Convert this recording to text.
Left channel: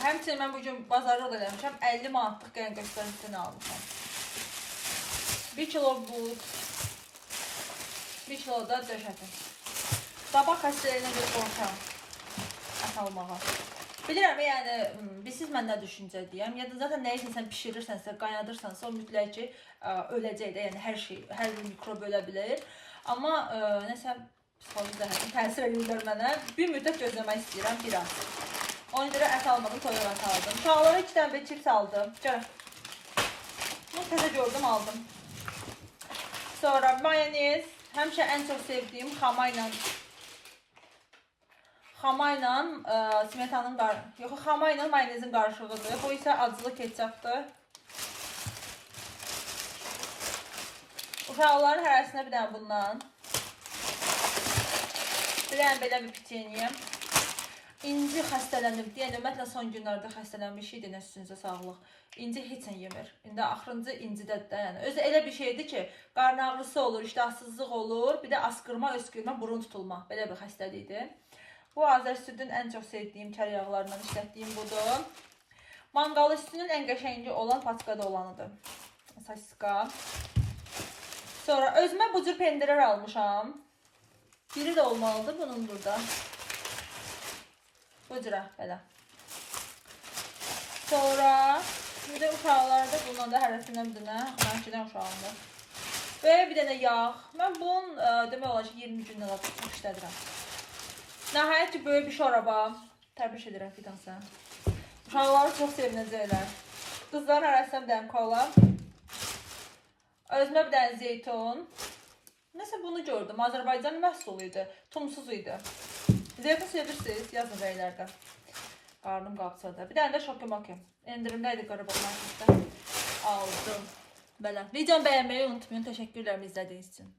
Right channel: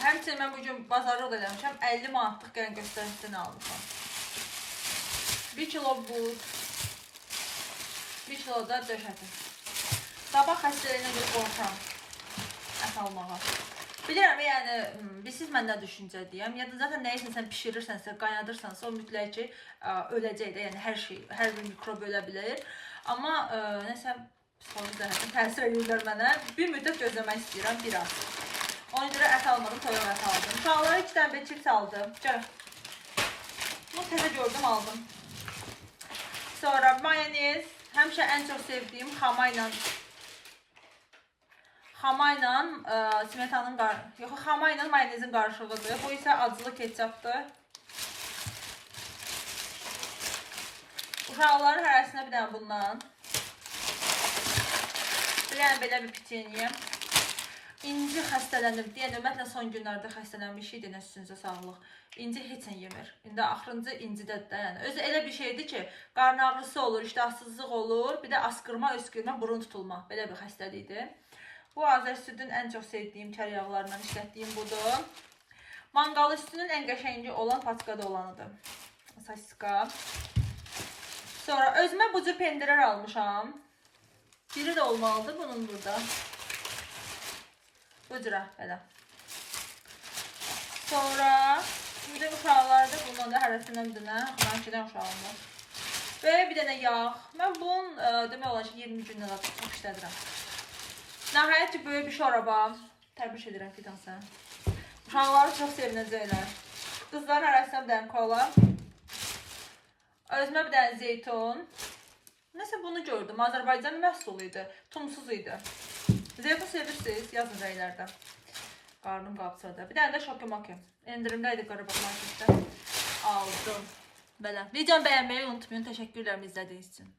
Həmçinin mən bugün bazarlıq da eləmişəm. 50 manatlıq gəlin göstəricidən almışam. 1 kilo buz. 1 kilo da döş əti. Sabah xəstəliyinə görə qorxam. Ət almağa. Bilirəm, yəni, siz mən nə düşüncədiyəm. Ya da zaten nəyisə sən pişirirsənsə, qaynadırsansa, o mütləq ki, öləcək də. Yəni, hər bir mikrob ölə bilir. Amma nəsə, psixoloji təsir edirlər mənə. Bir müddət gözləmək istəyirəm, bir az. Ona görə ət almadım, toyuq ət aldım. Uşaqlara 2 dənə bir çips aldım. Gəlin. Bunu təzə gördüm, aldım. Sonra mayonez. Həmişə ən çox sevdiyim xama ilə smetanın xama ilə mayonezin qarışığıdır. Bu isə acılı ketçapdır. Uşaqların hərəsinə bir dənə bundan. Bir dənə belə bir piçeniyə. İnci xəstələnib deyən, ümumiyyətlə son günlərdə xəstələnmiş idi, üstünüzə sağlıq. İnci heç nə yemir. İndi axırıncı incidədə, yəni özü elə bir şeydir ki, qarın ağrısı olur, iştahsızlıq olur, bir də askırma, öskürmə, burun tutulma. Belə bir xəstəlikdir. Bu Azər südün ən çox sevdiyim kər yağlarından işlətdiyim budur. Manqal üstünün ən qəşəngi olan paçkada olanıdır. Sasiska. Sonra özümə bu cür pendirlər almışam. Biri də olmalıdır bunun burada. Bu cürə, belə. Sonra, bir də uşaqlarda bundan da hərəsindən bir dənə, mən 2 dənə uşağımdır. Və bir dənə yağ. Mən bunun, demək olar ki, 20 gündən də çox işlədirəm. Nəhayət ki, böyük bir şoraba. Təbrik edirəm Fidan sən. Uşaqları çox sevinəcəklər. Qızların hərəsindən bir dənə kola. Özümə bir dənə zeytun. Nəsə bunu gördüm. Azərbaycanın məhsulu idi. Tumsuz idi. Zeytun sevirsiniz, yazın rəylərdə. Qarnım qabsadı. Bir dənə də şokomoki. Endirimdə idi Qarabağ marketdə. Aldım. Belə. Videomu bəyənməyi unutmayın. Təşəkkürlər izlədiyiniz üçün.